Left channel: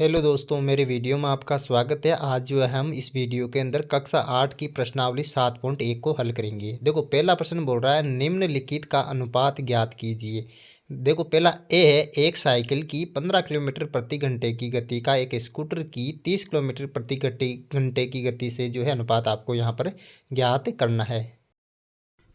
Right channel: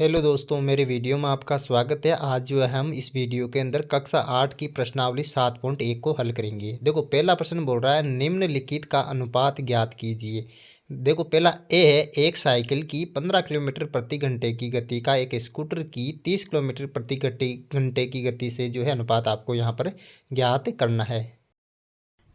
Hello दोस्तों, मेरे video में आपका स्वागत है। आज जो है हम इस वीडियो के अंदर कक्षा 8 की प्रश्नावली 7.1 को हल करेंगे। देखो, पहला प्रश्न बोल रहा है निम्नलिखित का अनुपात ज्ञात कीजिए। देखो, पहला ए है, एक साइकिल की 15 किलोमीटर प्रति घंटे की गति का एक स्कूटर की 30 किलोमीटर प्रति घंटे की गति से जो है अनुपात आपको यहाँ पर ज्ञात करना है।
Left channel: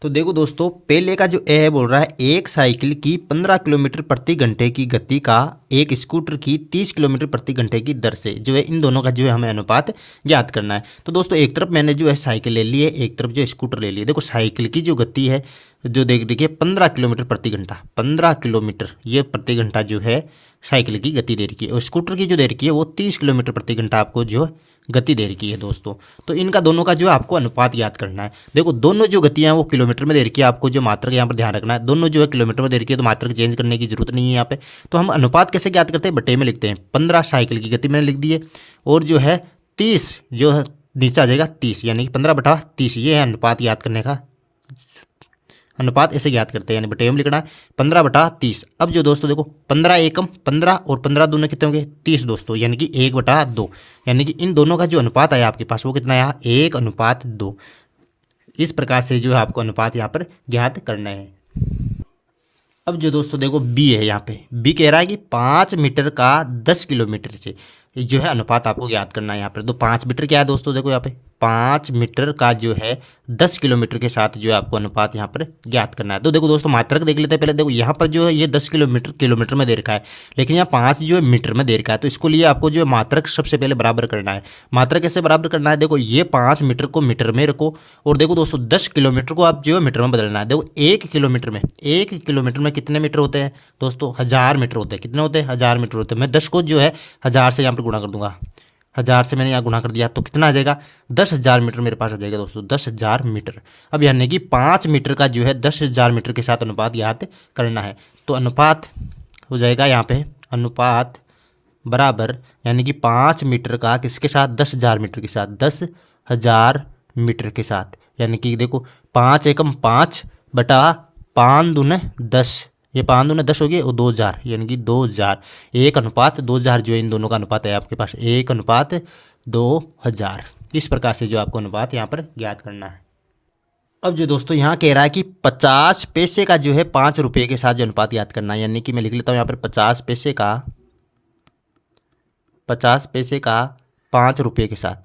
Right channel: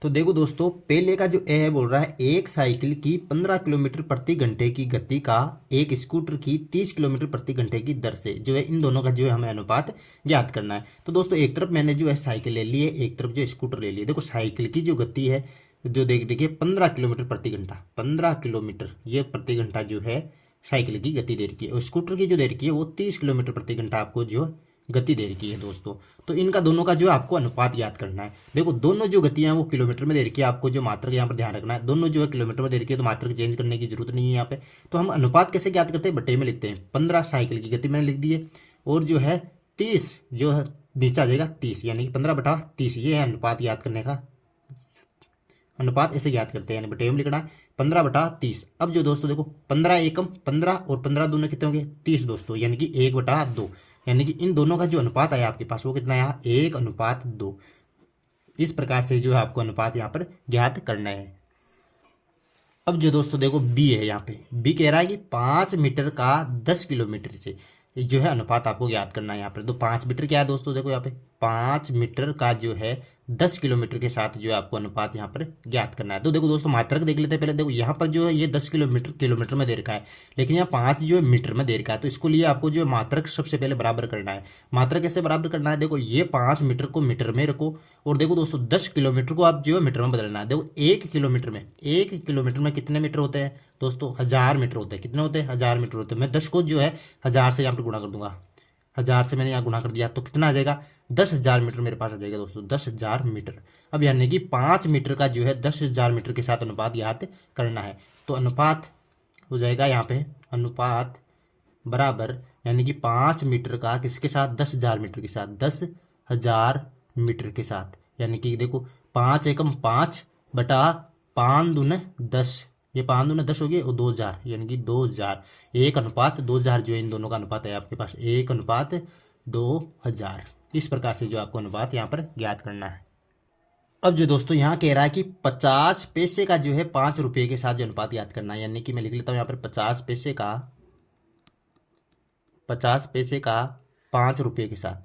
तो देखो दोस्तों, पहले का जो ए है बोल रहा है एक साइकिल की 15 किलोमीटर प्रति घंटे की गति का एक स्कूटर की 30 किलोमीटर प्रति घंटे की दर से जो है इन दोनों का जो है हमें अनुपात ज्ञात करना है। तो दोस्तों, एक तरफ मैंने जो है साइकिल ले ली है, एक तरफ जो स्कूटर ले ली है। देखो, साइकिल की जो गति है जो देखिए 15 किलोमीटर प्रति घंटा, 15 किलोमीटर ये प्रति घंटा जो है साइकिल की गति दे रखी है, और स्कूटर की जो दे रखी है वो 30 किलोमीटर प्रति घंटा आपको जो गति दे रखी है दोस्तों। तो इनका दोनों का जो है आपको अनुपात याद करना है। देखो, दोनों जो गतियां हैं वो किलोमीटर में दे रखी है, आपको जो मात्रक यहाँ पर ध्यान रखना है। दोनों जो है किलोमीटर में दे रखी है, तो मात्रक चेंज करने की जरूरत नहीं है यहाँ पे। तो हम अनुपात कैसे ज्ञात करते हैं, बटे में लिखते हैं। 15 साइकिल की गति मैंने लिख दी है, और जो है 30 जो है नीचे आ जाएगा 30, यानी कि 15/30। ये है अनुपात याद करने का। अनुपात ऐसे ज्ञात करते हैं, यानी बटे में लिखना है 15/30। अब जो दोस्तों देखो, 15 एकम 15 और 15 दूने कितने होंगे 30 दोस्तों, यानी कि 1/2। यानी कि इन दोनों का जो अनुपात आया आपके पास वो कितना आया 1:2। इस प्रकार से जो है आपको अनुपात यहाँ पर ज्ञात करना है। अब जो दोस्तों देखो, बी है, यहाँ पे बी कह रहा है कि 5 मीटर का 10 किलोमीटर से जो है अनुपात आपको ज्ञात करना है यहाँ पर। तो 5 मीटर क्या है दोस्तों, देखो यहाँ पे 5 मीटर का जो है 10 किलोमीटर के साथ जो है आपको अनुपात यहाँ पर ज्ञात करना है। तो देखो दोस्तों, मात्रक देख लेते हैं पहले। देखो, यहाँ पर जो है ये 10 किलोमीटर में दे रखा है, लेकिन यहाँ 5 जो है मीटर में दे रखा है। तो इसको लिए आपको जो है मात्रक सबसे पहले बराबर करना है। मात्रक कैसे बराबर करना है, देखो ये 5 मीटर को मीटर में रखो, और देखो दोस्तों 10 किलोमीटर को आप जो है मीटर में बदलना है। देखो, 1 किलोमीटर में कितने मीटर होते हैं दोस्तों, 1000 मीटर होते हैं। कितने होते हैं, 1000 मीटर होते हैं। मैं 10 को जो है 1000 से यहाँ पर गुणा कर दूंगा। 1000 से मैंने यहाँ गुणा कर दिया, तो कितना आ जाएगा 10,000 मीटर मेरे पास आ जाएगा दोस्तों, 10,000 मीटर। अब यानी कि 5 मीटर का जो है 10,000 मीटर के साथ अनुपात याद करना है। तो अनुपात हो जाएगा यहाँ पे अनुपात बराबर, यानी कि 5 मीटर का किसके साथ 10,000 मीटर के साथ, 10,000 मीटर के साथ। यानी कि देखो 5 एकम 5/5 दूने 10, ये 5 दूने 10 हो गए, और 2000 यानी कि 2000। 1:2000 जो है इन दोनों का अनुपात है आपके पास 1:2000। इस प्रकार से जो आपको अनुपात यहाँ पर ज्ञात करना है। अब जो दोस्तों यहाँ कह रहा है कि 50 पैसे का जो है 5 रुपये के साथ जो अनुपात याद करना है, यानी कि मैं लिख लेता हूँ यहाँ पर 50 पैसे का 5 रुपये के साथ,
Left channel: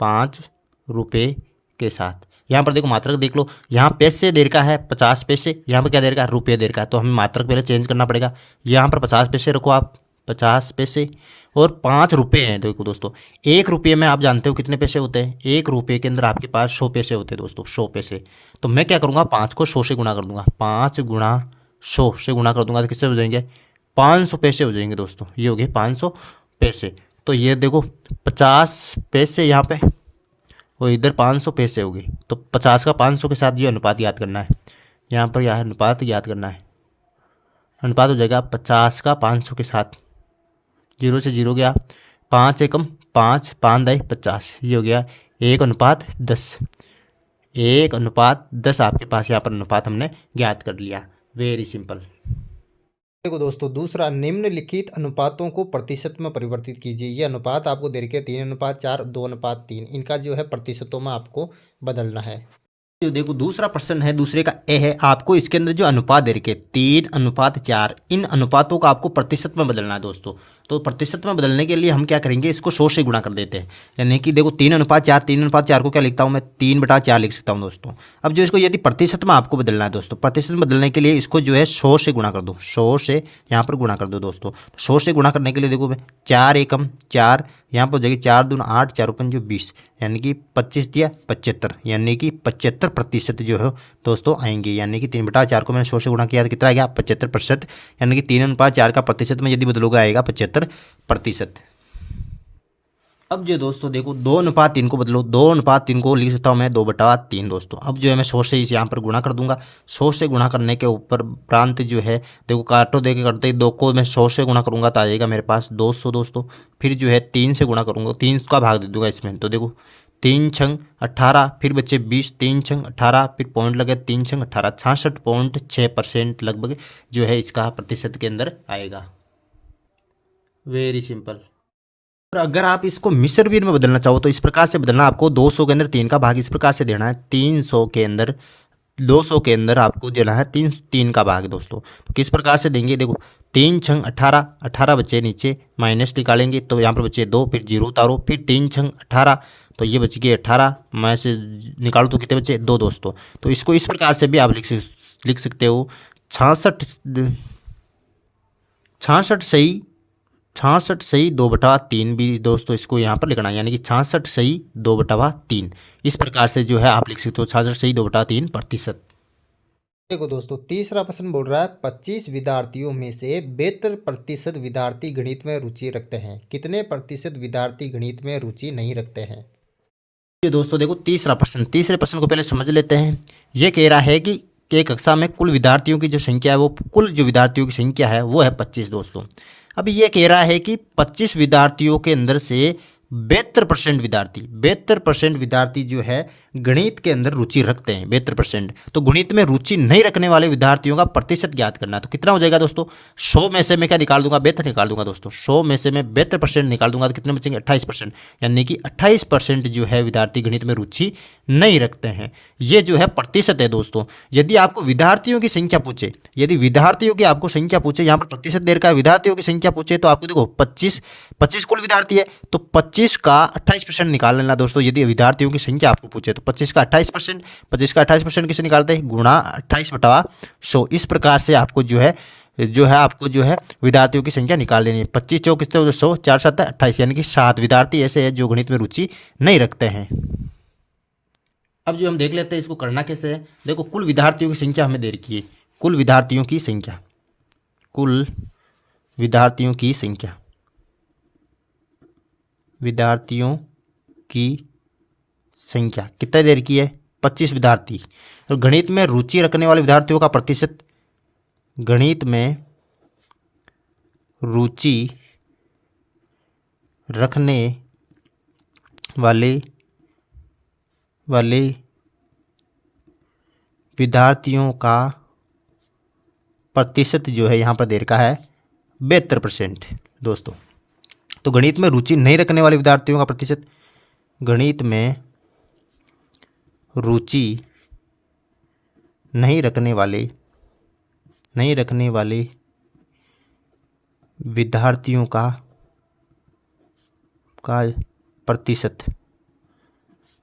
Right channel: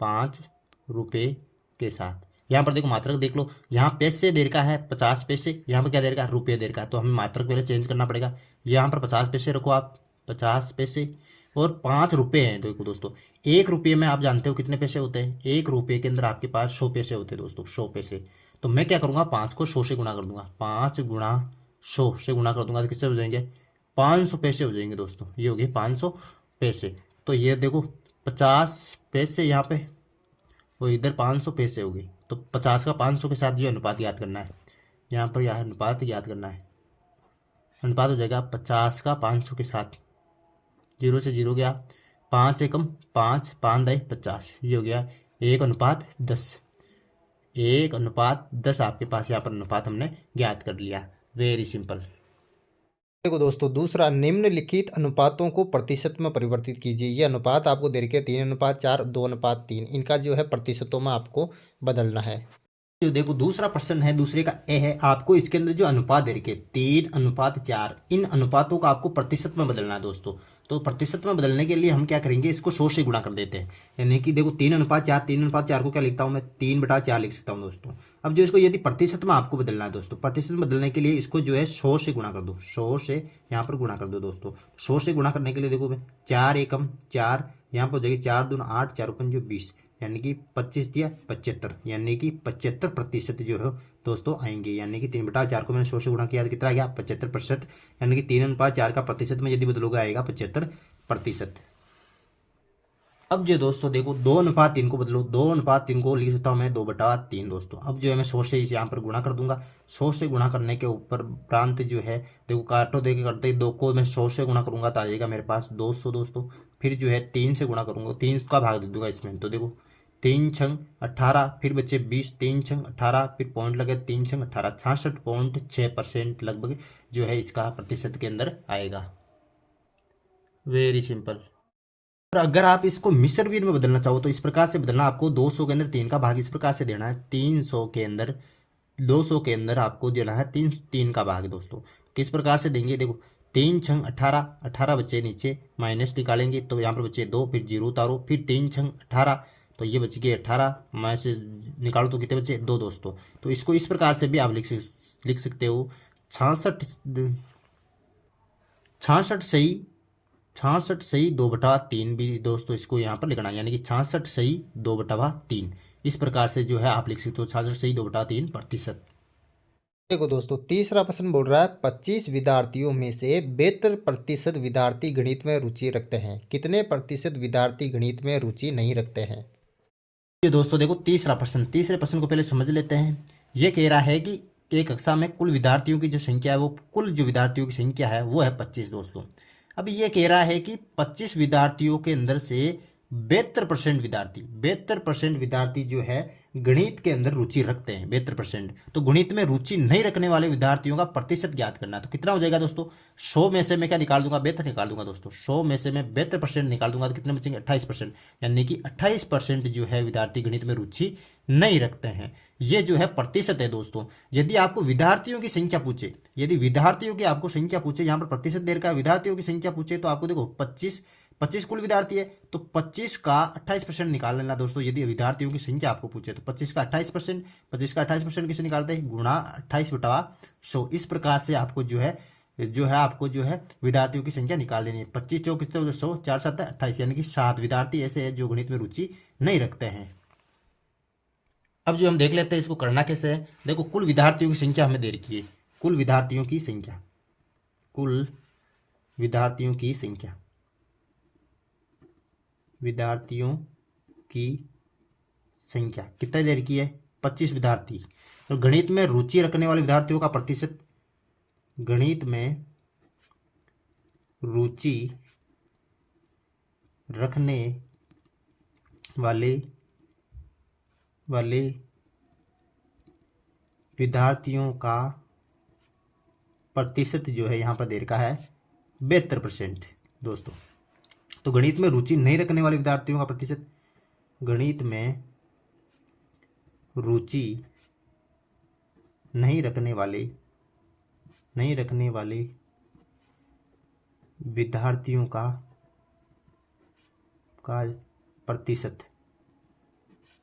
5 रुपये के साथ। यहाँ पर देखो मात्रक देख लो, यहाँ पैसे देर का है 50 पैसे, यहाँ पर क्या देर का है रुपये देर का है। तो हमें मात्रक पहले चेंज करना पड़ेगा। यहाँ पर 50 पैसे रखो आप, 50 पैसे, और 5 रुपये हैं। देखो दोस्तों, 1 रुपये में आप जानते हो कितने पैसे होते हैं, 1 रुपये के अंदर आपके पास 100 पैसे होते हैं दोस्तों, 100 पैसे। तो मैं क्या करूँगा, 5 को 100 से गुणा कर दूंगा, 5 गुणा 100 से गुणा कर दूंगा, तो किससे हो जाएंगे 500 पैसे हो जाएंगे दोस्तों। ये हो गए 500 पैसे। तो ये देखो 50 पैसे यहाँ पे, और इधर 500 पैसे हो गई। तो 50 का 500 के साथ ये अनुपात याद करना है। यहाँ पर यह अनुपात याद करना है। अनुपात हो जाएगा 50 का 500 के साथ, 0 से 0 गया, 5 एकम 5, 5 दाई 50, ये हो गया 1:10। 1:10 आपके पास यहाँ पर अनुपात हमने ज्ञात कर लिया। Very simple. देखो दोस्तों, दूसरा निम्नलिखित अनुपातों को प्रतिशत में परिवर्तित कीजिए। ये अनुपात आपको दे रखे 3:4, 2:3। इनका जो है प्रतिशतों में आपको बदलना है। जो देखो दूसरा प्रश्न है, दूसरे का ए है, आपको इसके अंदर जो अनुपात दे रखे 3:4, इन अनुपातों का आपको प्रतिशत में बदलना है दोस्तों। तो प्रतिशत में बदलने के लिए हम क्या करेंगे, इसको 100 से गुणा कर देते हैं। यानी कि देखो 3:4, 3:4 को क्या लिखता हूँ मैं 3/4 लिख सकता हूँ दोस्तों। अब जो इसको यदि प्रतिशत में आपको बदलना है दोस्तों, प्रतिशत में बदलने के लिए इसको जो है 100 से गुणा कर दो, 100 से यहाँ पर गुणा कर दो दोस्तों। 100 से गुणा करने के लिए देखो मैं 4 एकम 4, यहाँ पर हो जाएगी 4 दूना 8, 4 पंजे 20, यानी कि 25 दिया 75, यानी कि 75% जो है दोस्तों आएंगे। यानी कि 3/4 को मैंने 100 से गुणा किया तो कितना आ गया 75%, यानी कि 3:4 का प्रतिशत में यदि बदलोगे आएगा 75%। अब जो दोस्तों देखो 2:3 को बदलो, 2:3 को लिख सकता हूँ मैं 2/3 दोस्तों। अब जो है मैं 100 से इस यहाँ पर गुणा कर दूंगा। 100 से गुणा करने के ऊपर प्रांत जो है देखो काटो दे के करते ही 2 को मैं 100 से गुणा करूंगा तो आ जाएगा मेरे पास 200 दोस्तों। फिर जो है 3 से गुणा करूंगा, 3 का भाग दे दूंगा इसमें, तो देखो 3 छंग 18, फिर बच्चे 20, 3 छंग 18, फिर पॉइंट लगे 3 छंग 18, 66.6% लगभग जो है इसका प्रतिशत के अंदर आएगा। Very simple. और अगर आप इसको मिस्र वीर में बदलना चाहो तो इस प्रकार से बदलना, आपको 200 के अंदर 3 का भाग इस प्रकार से देना है, 300 के अंदर 200 के अंदर आपको देना है 3 का भाग दोस्तों। तो किस प्रकार से देंगे, देखो 3×18, 18 बचे नीचे, माइनस निकालेंगे तो यहाँ पर बचे 2, फिर जीरो उतारो, फिर 3×18, तो ये बच गए 18, मैं से निकालू तो कितने बचे 2 दोस्तों। तो इसको इस प्रकार से भी आप लिख सकते हो, 66 66 सही 66 सही 2/3 भी दोस्तों इसको यहाँ पर लिखना है, यानी कि 66 सही 2/3। इस प्रकार से जो है आप लिख सकते हो 66 सही 2/3%। देखो दोस्तों, तीसरा प्रश्न बोल रहा है 25 विद्यार्थियों में से 72% विद्यार्थी गणित में रुचि रखते हैं, कितने प्रतिशत विद्यार्थी गणित में रुचि नहीं रखते हैं। ये दोस्तों देखो तीसरे प्रश्न को पहले समझ लेते हैं। ये कह रहा है कि एक कक्षा में कुल विद्यार्थियों की जो संख्या है, वो कुल जो विद्यार्थियों की संख्या है वो है 25 दोस्तों। अब ये कह रहा है कि 25 विद्यार्थियों के अंदर से 72% विद्यार्थी जो है गणित के अंदर रुचि रखते हैं, 72%। तो गणित में रुचि नहीं रखने वाले विद्यार्थियों का प्रतिशत ज्ञात करना है। तो कितना हो जाएगा दोस्तों, 100 में से मैं क्या निकाल दूंगा, 72 निकाल दूंगा दोस्तों। 100 में से मैं 72% निकाल दूंगा तो कितने बचेंगे, 28%। यानी कि 28% जो है विद्यार्थी गणित में रुचि नहीं रखते हैं। ये जो है प्रतिशत है दोस्तों। यदि आपको विद्यार्थियों की संख्या पूछे, यदि विद्यार्थियों की आपको संख्या पूछे, यहाँ पर प्रतिशत दे रखा है, विद्यार्थियों की संख्या पूछे तो आपको देखो 25 कुल विद्यार्थी है, तो 25 का 28% निकाल लेना दोस्तों। यदि विद्यार्थियों की संख्या आपको पूछे तो 25 का 28%, 25 का 28% किसे निकालते हैं, गुणा 28/100। इस प्रकार से आपको जो है आपको जो है विद्यार्थियों की संख्या निकाल देनी है। 25 चौक कितने, 100, 4 7 28, यानी कि 7 विद्यार्थी ऐसे हैं जो गणित में रुचि नहीं रखते हैं। अब जो हम देख लेते हैं इसको करना कैसे है। देखो कुल विद्यार्थियों की संख्या हमें दे रखी है, कुल विद्यार्थियों की संख्या, कुल विद्यार्थियों की संख्या, विद्यार्थियों की संख्या कितना दे रखी है, 25 विद्यार्थी। और गणित में रुचि रखने वाले विद्यार्थियों का प्रतिशत, गणित में रुचि रखने वाले विद्यार्थियों का प्रतिशत जो है यहाँ पर दे रखा है 72% दोस्तों। तो गणित में रुचि नहीं रखने वाले विद्यार्थियों का प्रतिशत, गणित में रुचि नहीं रखने वाले विद्यार्थियों का प्रतिशत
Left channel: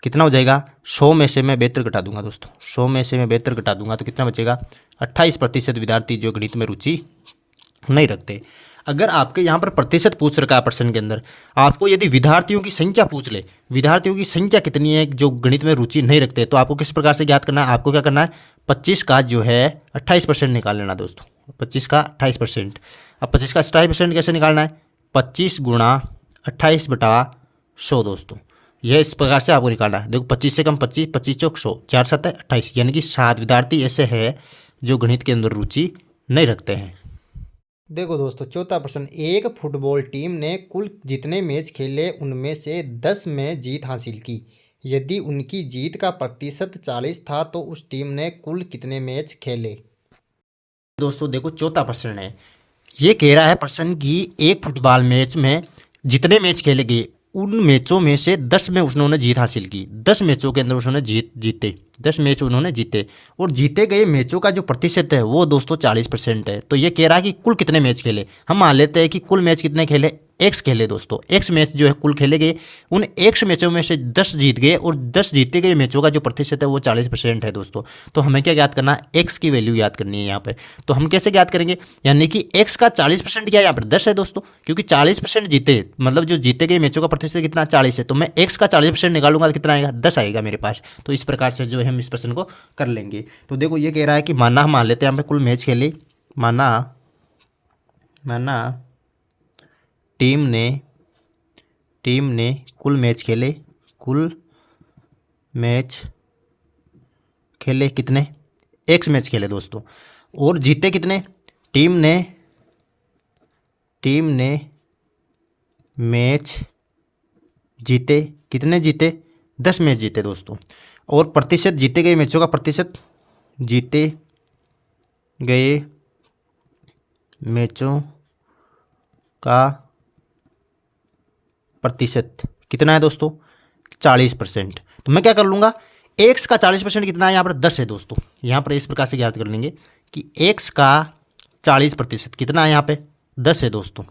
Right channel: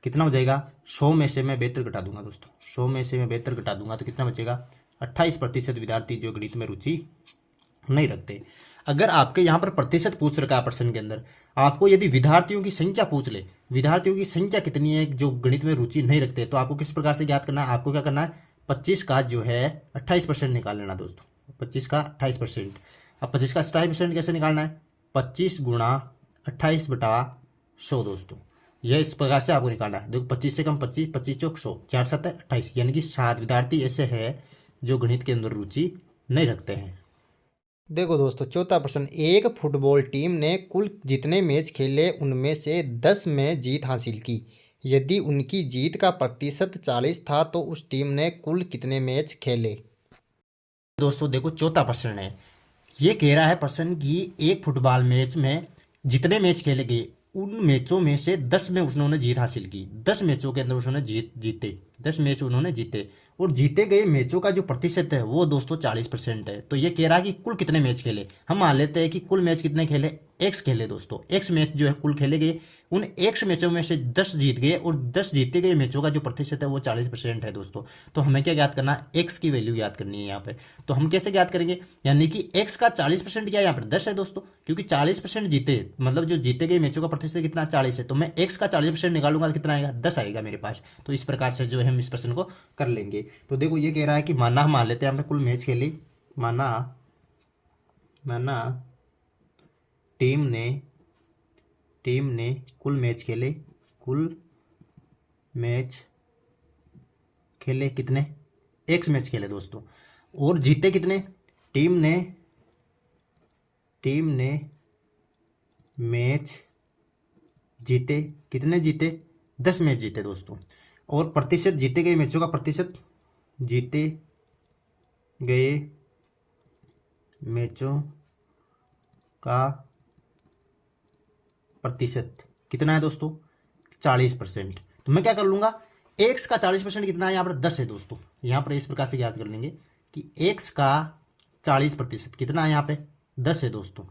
कितना हो जाएगा, 100 में से मैं 72 घटा दूंगा दोस्तों। 100 में से मैं 72 घटा दूंगा तो कितना बचेगा, 28% विद्यार्थी जो गणित में रुचि नहीं रखते। अगर आपके यहाँ पर प्रतिशत पूछ रखा है प्रश्न के अंदर, आपको यदि विद्यार्थियों की संख्या पूछ ले, विद्यार्थियों की संख्या कितनी है जो गणित में रुचि नहीं रखते, तो आपको किस प्रकार से ज्ञात करना है, आपको क्या करना है, 25 का जो है 28% निकाल लेना दोस्तों। 25 का 28%। अब 25 का 28% कैसे निकालना है, 25 गुणा 28/100 दोस्तों। यह इस प्रकार से आपको निकालना है। देखो 25 से कम 25, 25 चौक 100, 4 7 28, यानी कि 7 विद्यार्थी ऐसे हैं जो गणित के अंदर रुचि नहीं रखते हैं। देखो दोस्तों, चौथा प्रश्न, एक फुटबॉल टीम ने कुल जितने मैच खेले उनमें से 10 में जीत हासिल की, यदि उनकी जीत का प्रतिशत 40 था तो उस टीम ने कुल कितने मैच खेले। दोस्तों देखो चौथा प्रश्न है, ये कह रहा है प्रश्न कि एक फुटबॉल मैच में जितने मैच खेले गए उन मैचों में से 10 में उन्होंने जीत हासिल की। 10 मैचों के अंदर उन्होंने जीते 10 मैच उन्होंने जीते, और जीते गए मैचों का जो प्रतिशत है वो दोस्तों 40% है। तो ये कह रहा है कि कुल कितने मैच खेले। हम मान लेते हैं कि कुल मैच कितने खेले, एक्स खेले दोस्तों। एक्स मैच जो है कुल खेले गए, उन एक्स मैचों में से 10 जीत गए, और 10 जीते गए मैचों का जो प्रतिशत है वो 40% है दोस्तों। तो हमें क्या ज्ञात करना है, एक्स की वैल्यू याद करनी है यहाँ पर। तो हम कैसे ज्ञात करेंगे, यानी कि एक्स का 40% क्या है, यहाँ पर 10 है दोस्तों, क्योंकि 40% जीते, मतलब जो जीते गए मैचों का प्रतिशत कितना, 40 है। तो मैं एक्स का 40% निकालूंगा तो कितना आएगा, 10 आएगा मेरे पास। तो इस प्रकार से जो है हम इस प्रश्न को कर लेंगे। तो देखो ये कह रहा है कि माना, हम मान लेते हैं यहाँ पे कुल मैच खेले, माना टीम ने कुल मैच खेले कितने, एक्स मैच खेले दोस्तों, और जीते कितने, टीम ने मैच जीते, कितने जीते, 10 मैच जीते दोस्तों। और प्रतिशत, जीते गए मैचों का प्रतिशत, जीते गए मैचों का प्रतिशत कितना है दोस्तों, 40%। तो मैं क्या कर लूँगा, एक्स का 40% कितना है, यहाँ पर 10 है दोस्तों। यहाँ पर इस प्रकार से याद कर लेंगे कि एक्स का 40% कितना है, यहाँ पे 10 है दोस्तों।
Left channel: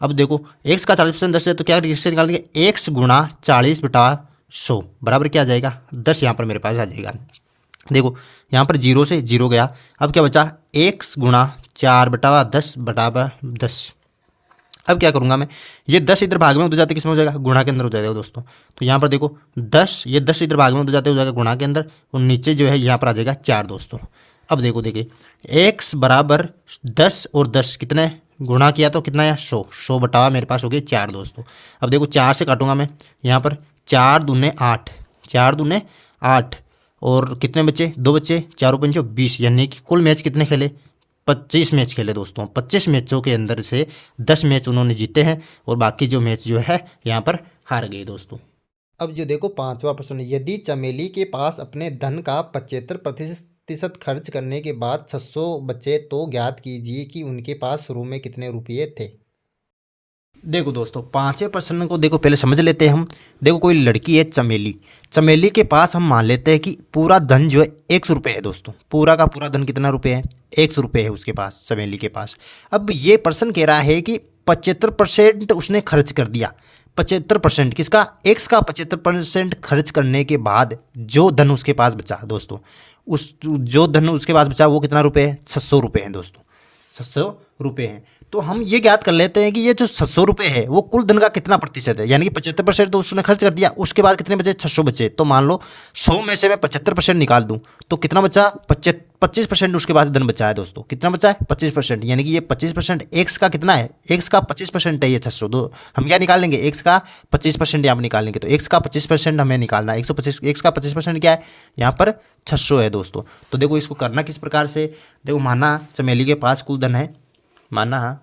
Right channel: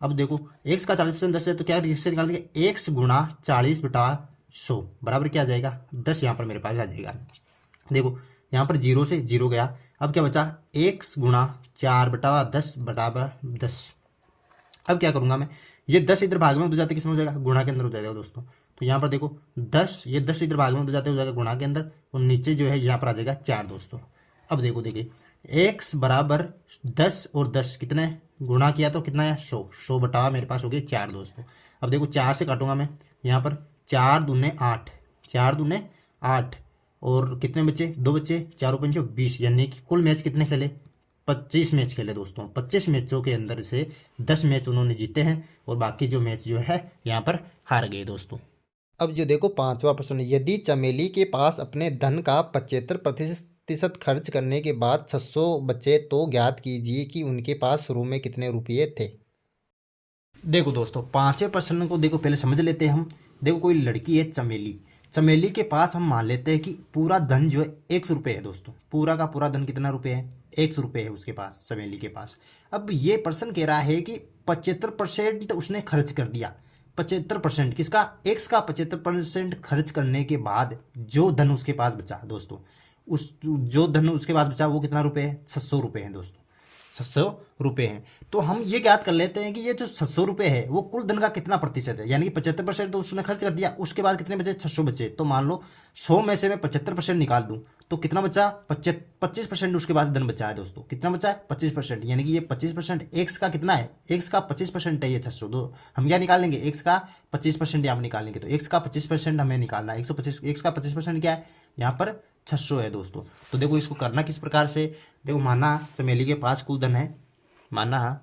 अब देखो एक्स का 40% 10 है, तो क्या इससे निकाल देंगे, एक्स गुणा 40/100 बराबर क्या आ जाएगा, 10 यहाँ पर मेरे पास आ जाएगा। देखो यहाँ पर 0 से 0 गया, अब क्या बचा, एक्स गुणा 4/10/10। अब क्या करूँगा मैं, ये 10 इधर भाग में उधर जाते किस में हो जाएगा, गुणा के अंदर हो जाएगा दोस्तों। तो यहाँ पर देखो 10, ये 10 इधर भाग में उधर जाते हो जाएगा गुणा के अंदर, और नीचे जो है यहाँ पर आ जाएगा 4 दोस्तों। अब देखो देखिए x बराबर 10 और 10 कितने गुणा किया तो कितना है, 100 बटा मेरे पास हो गए 4 दोस्तों। अब देखो 4 से काटूंगा मैं, यहाँ पर 4 दूने 8, 4 दूने 8, और कितने बच्चे, 2 बच्चे, 4 × 5 20, यानी कि कुल मैच कितने खेले, 25 मैच खेले दोस्तों। 25 मैचों के अंदर से 10 मैच उन्होंने जीते हैं, और बाकी जो मैच जो है यहाँ पर हार गए दोस्तों। अब जो देखो 5वां प्रश्न, यदि चमेली के पास अपने धन का 75% खर्च करने के बाद 600 बचे तो ज्ञात कीजिए कि उनके पास शुरू में कितने रुपये थे। देखो दोस्तों 5वें प्रश्न को देखो पहले समझ लेते हैं हम। देखो कोई लड़की है चमेली, चमेली के पास हम मान लेते हैं कि पूरा धन जो है 100 रुपये है दोस्तों। पूरा का पूरा धन कितना रुपये है, 100 रुपये है उसके पास, चमेली के पास। अब ये प्रश्न कह रहा है कि 75% उसने खर्च कर दिया। 75% किसका, एक्स का 75% खर्च करने के बाद जो धन उसके पास बचा दोस्तों, उस जो धन उसके पास बचा वो कितना रुपये है, 600 रुपये है दोस्तों, 600 रुपये हैं। तो हम ये ज्ञात कर लेते हैं कि ये जो 600 रुपये है वो कुल धन का कितना प्रतिशत है, यानी कि 75% तो उसने खर्च कर दिया, उसके बाद कितने बचे, 600 बचे। तो मान लो 100 में से मैं 75% निकाल दूं तो कितना बचा, 25% उसके पास धन बचा है दोस्तों। कितना बचा है, 25%, यानी कि ये 25% एक्स का कितना है, एक्स का 25% है ये 600। दो हम क्या निकाल लेंगे, एक्स का 25% यहाँ पर निकाल लेंगे। तो एक्स का 25% हमें निकालना है, 125, एक्स का 25% क्या है, यहाँ पर 600 है दोस्तों। तो देखो इसको करना किस प्रकार से, देखो माना चमेली के पास कुल धन है, माना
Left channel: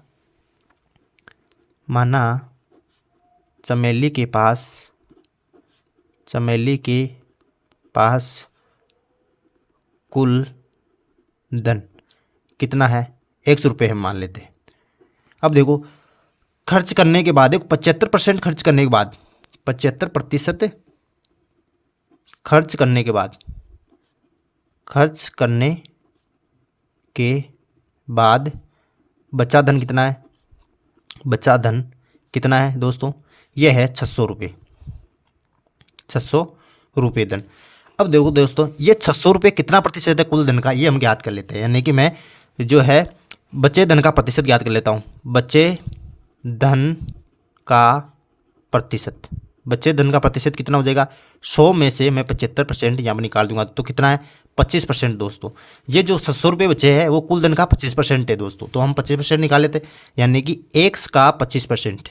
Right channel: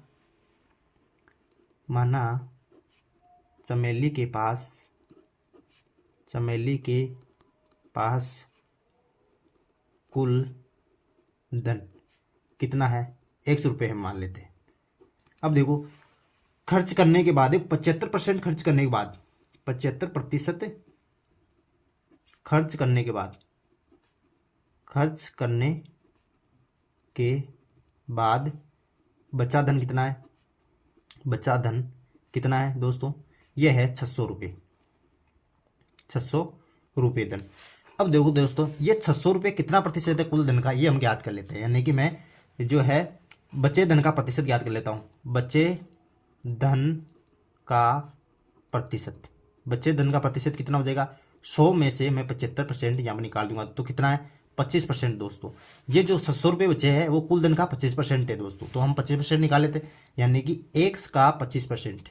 चमेली के पास कुल धन कितना है, 100 रुपये हम मान लेते हैं। अब देखो खर्च करने के बाद, देखो 75% खर्च करने के बाद, 75% खर्च करने के बाद बचा धन कितना है, बचा धन कितना है दोस्तों, यह है 600 रुपये, 600 रुपये धन। अब देखो दोस्तों ये 600 रुपये कितना प्रतिशत है कुल धन का, ये हम ज्ञात कर लेते हैं। यानी कि मैं जो है बचे धन का प्रतिशत ज्ञात कर लेता हूँ। बचे धन का प्रतिशत कितना हो जाएगा, 100 में से मैं 75% यहाँ पर निकाल दूंगा तो कितना है, 25% दोस्तों। ये जो 600 रुपये बचे हैं वो कुल धन का 25% है दोस्तों। तो हम 25% निकाल लेते, यानी कि एक्स का 25%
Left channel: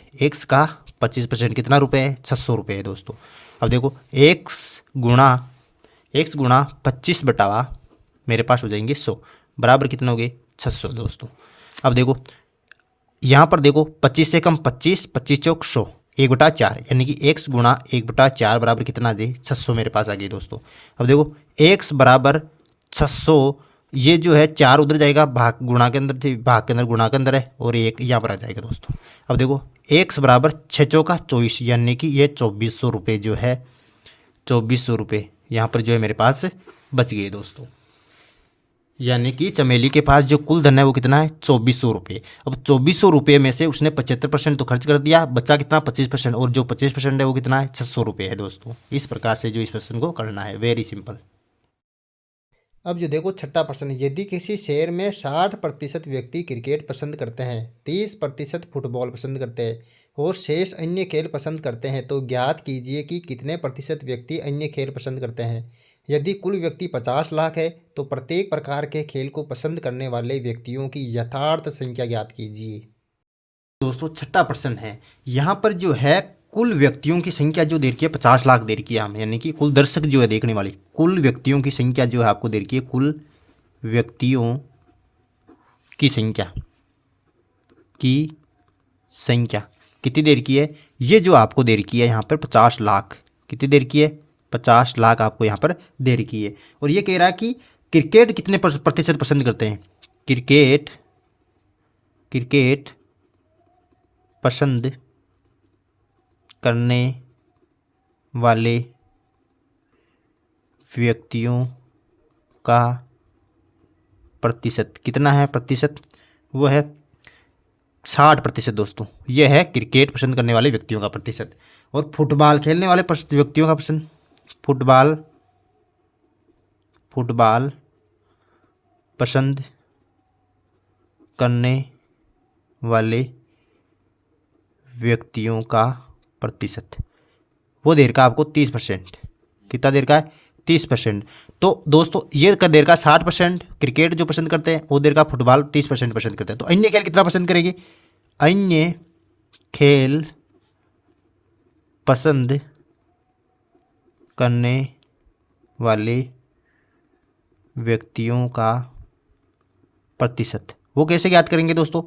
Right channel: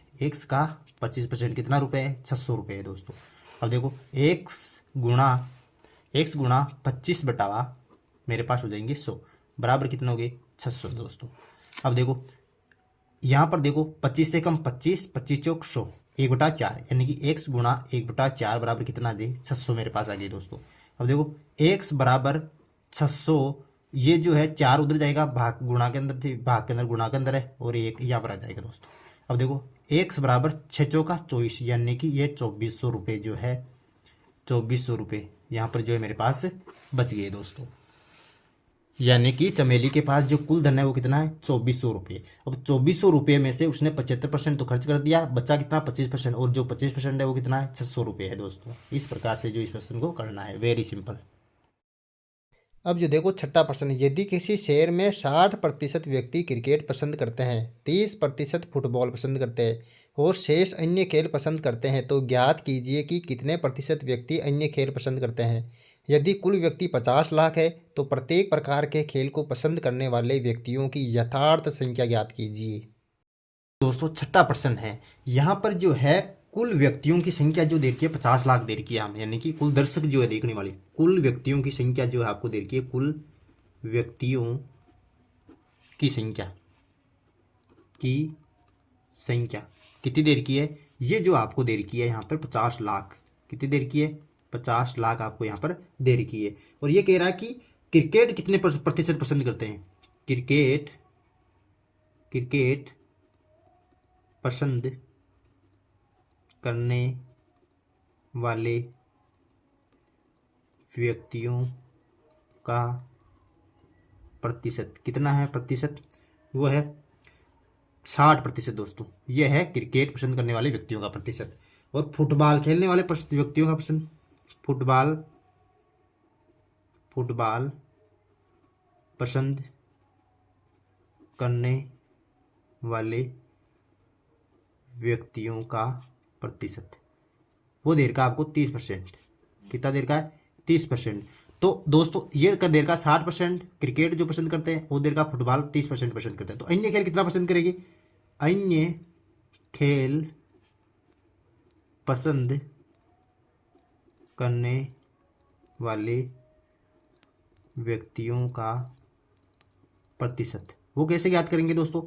कितना रुपये है, 600 रुपये है दोस्तों। अब देखो एक्स गुणा 25 बटावा मेरे पास हो जाएंगे 100 बराबर कितना हो गए, 600 दोस्तों। अब देखो यहाँ पर देखो 25 से कम 25, 25 चौक 100, 1/4, यानी कि x गुणा 1/4 बराबर कितना आ जाए, 600 मेरे पास आ गई दोस्तों। अब देखो x बराबर 600, ये जो है 4 उधर जाएगा, भाग गुणा के अंदर थी, भाग के अंदर गुणा के अंदर है, और 1 यहाँ पर आ जाएगा दोस्तों। अब देखो x बराबर 6 चौका 24, यानी कि ये 2400 रुपये जो है, 2400 रुपये यहाँ पर जो है मेरे पास बच गए दोस्तों। यानी कि चमेली के पास जो कुल धन है वो कितना है, 2400 रुपये। अब 2400 रुपये में से उसने 75% तो खर्च कर दिया, बचा कितना 25%, और जो 25% है वो कितना है, 600 रुपये है दोस्तों। इस प्रकार से जो इस प्रश्न को करना है, वेरी सिंपल। अब जो देखो 6वां प्रश्न, यदि किसी शहर में 60% व्यक्ति क्रिकेट पसंद करते हैं, 30% फुटबॉल पसंद करते हैं और शेष अन्य खेल पसंद करते हैं, तो ज्ञात कीजिए कि कितने प्रतिशत व्यक्ति अन्य खेल पसंद करते हैं। यदि कुल व्यक्ति 50 लाख है तो प्रत्येक प्रकार के खेल को पसंद करने वाले व्यक्तियों की यथार्थ संख्या ज्ञात कीजिए। दोस्तों 6वां प्रश्न है, यहाँ पर जो है कुल व्यक्तियों की संख्या जो दे रखी है 50 लाख दे रखी है हम, यानी कि कुल दर्शक जो है देखने वाली, कुल व्यक्तियों की संख्या जो है आपको दे रखी है, कुल व्यक्तियों की संख्या कितनी दे रखी है, ये जो आपको दे रखी है यहाँ पर 50 लाख, कितनी दे रखी है, 50 लाख आपको यहाँ पर दे रखी है। और ये कह रहा है कि क्रिकेट कितने प्रतिशत पसंद करते हैं, क्रिकेट पसंद करने वाले व्यक्तियों का प्रतिशत कितना है प्रतिशत, वो है 60% दोस्तों। ये है क्रिकेट पसंद करने वाले व्यक्तियों का प्रतिशत। और फुटबॉल खेलने वाले व्यक्तियों का पसंद, फुटबॉल पसंद करने वाले व्यक्तियों का प्रतिशत, वो देर का आपको 30%। कितना देर का है 30%। तो दोस्तों ये का देर का 60% क्रिकेट जो पसंद करते हैं, वो देर का फुटबॉल 30% पसंद करते हैं। तो अन्य खेल कितना पसंद करेंगे, अन्य खेल पसंद करने वाले व्यक्तियों का प्रतिशत, वो कैसे ज्ञात करेंगे दोस्तों,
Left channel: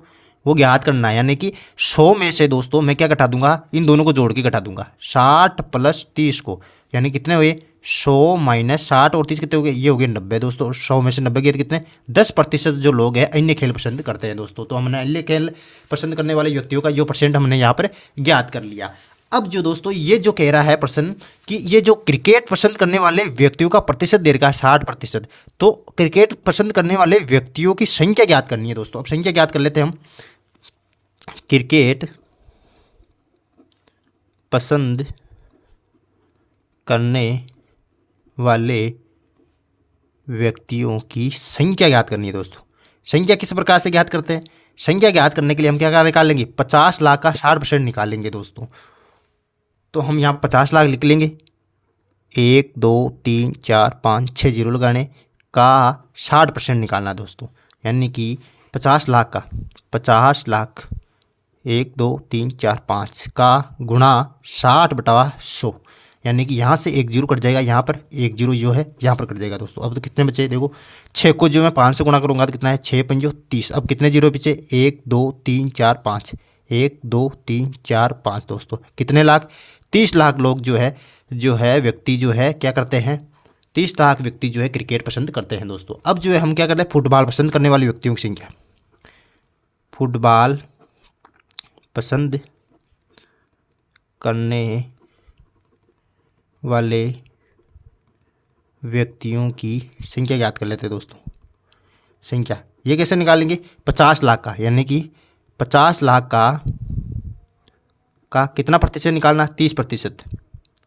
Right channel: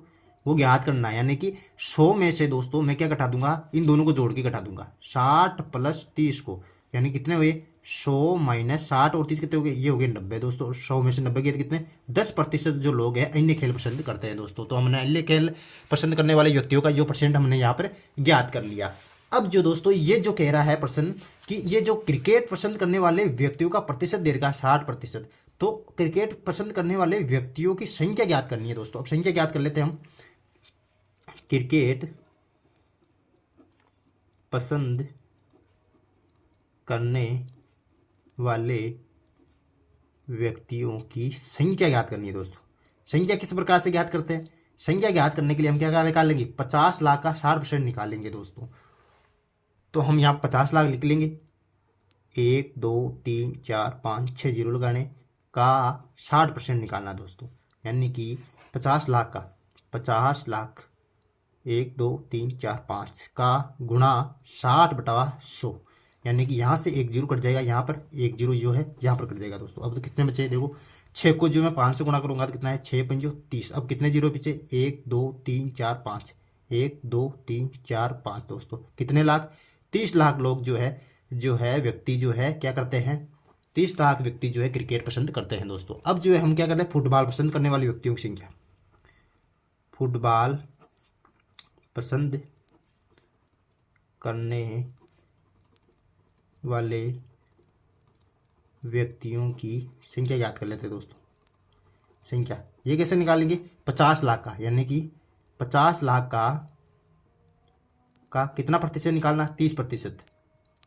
वो ज्ञात करना है, यानी कि 100 में से दोस्तों मैं क्या घटा दूंगा, इन दोनों को जोड़ के घटा दूंगा, 60 + 30 को, यानी कितने हुए 100 - 60 और 30 कितने हो गए, ये हो गए 90 दोस्तों। 100 में से 90 गए कितने, 10% जो लोग हैं अन्य खेल पसंद करते हैं दोस्तों। तो हमने अन्य खेल पसंद करने वाले व्यक्तियों का जो परसेंट हमने यहाँ पर ज्ञात कर लिया। अब जो दोस्तों ये जो कह रहा है प्रश्न कि ये जो क्रिकेट पसंद करने वाले व्यक्तियों का प्रतिशत दे रखा है 60%, तो क्रिकेट पसंद करने वाले व्यक्तियों की संख्या ज्ञात करनी है दोस्तों। अब संख्या ज्ञात कर लेते हैं हम। क्रिकेट पसंद करने वाले व्यक्तियों की संख्या ज्ञात करनी है दोस्तों। संख्या किस प्रकार से ज्ञात करते हैं, संख्या ज्ञात करने के लिए हम क्या निकाल लेंगे, 50 लाख का 60% निकालेंगे दोस्तों। तो हम यहाँ 50 लाख लिख लेंगे, 1 2 3 4 5 6 जीरो लगाने का 60% निकालना दोस्तों, यानी कि 50 लाख का 50 लाख 1 2 3 4 5 का गुणा 60/100, यानी कि यहाँ से 1 जीरो कट जाएगा, यहाँ पर 1 जीरो जो है यहाँ पर कट जाएगा दोस्तों। अब तो कितने बचे, देखो 6 को जो मैं 5 से गुणा करूँगा तो कितना है, 6 × 5 = 30। अब कितने जीरो बचे, 1 2 3 4 5, 1 2 3 4 5 दोस्तों, कितने लाख, 30 लाख लोग जो है व्यक्ति जो है क्या करते हैं, 30 लाख व्यक्ति जो है क्रिकेट पसंद करते हैं दोस्तों। अब जो है हम क्या करते हैं, फुटबॉल पसंद करने वाले व्यक्तियों की संख्या, फुटबॉल पसंद करने वाले व्यक्तियों की संख्या ज्ञात कर लेते हैं दोस्तों। संख्या ये कैसे निकालेंगे, 50 लाख का, यानी कि 50 लाख का कितना प्रतिशत निकालना, 30%।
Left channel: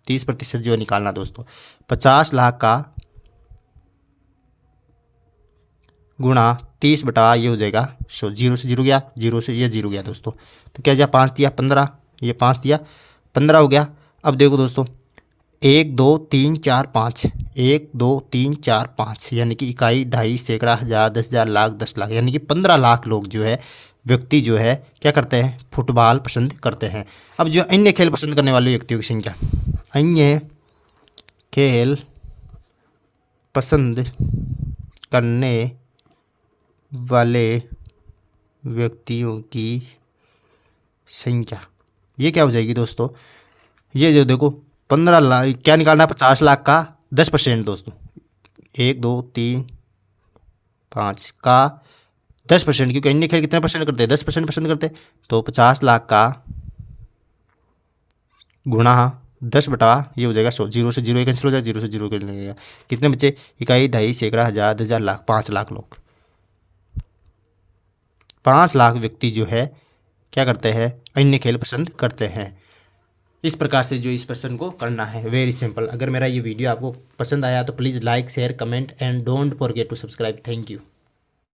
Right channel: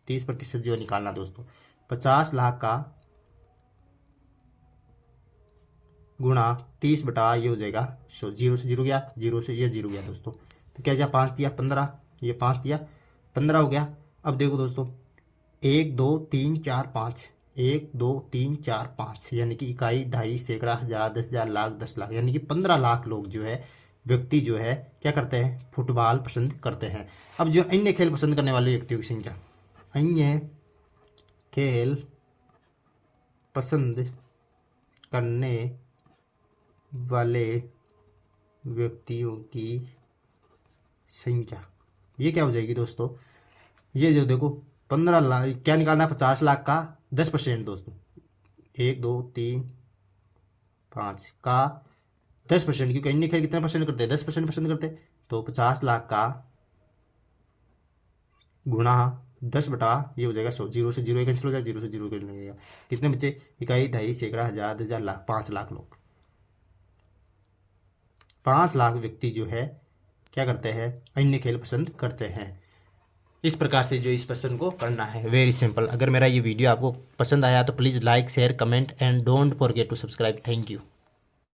30% जो है निकालना दोस्तों। 50 लाख का गुणा 30 बटा ये हो जाएगा 100, जीरो से जीरो गया, जीरो से ये जीरो गया दोस्तों। तो क्या दिया, 5 दिया 15, ये 5 दिया 15 हो गया। अब देखो दोस्तों 1 2 3 4 5, 1 2 3 4 5, यानी कि इकाई, दहाई, सैकड़ा, हज़ार, 10,000, लाख, 10 लाख, यानी कि 15 लाख लोग जो है व्यक्ति जो है क्या करते हैं, फुटबॉल पसंद करते हैं। अब जो अन्य खेल पसंद करने वाले व्यक्तियों की संख्या, अन्य खेल पसंद करने वाले व्यक्तियों की संख्या, ये क्या हो जाएगी दोस्तों, ये जो देखो 15 लाख क्या निकालना है, 50 लाख का 10% दोस्तों, 1 2 3 5 का 10%, क्योंकि अन्य खेल कितने परसेंट करते हैं, 10% पसंद करते हैं। तो 50 लाख का गुणा 10 बटा ये हो जाएगा 100, जीरो से जीरो कैंसिल हो जाएगा, जीरो से जीरो कैंसिल हो जाएगा, कितने बच्चे, इकाई, दहाई, सैकड़ा, हज़ार, 10,000, लाख, 5 लाख लोग, 5 लाख व्यक्ति जो है क्या करते हैं, अन्य खेल पसंद करते हैं। इस प्रकार से जो इस प्रश्न को करना है, वेरी सिंपल। अगर मेरा ये वीडियो आपको पसंद आया तो please like, share, comment and don't forget to subscribe. Thank you.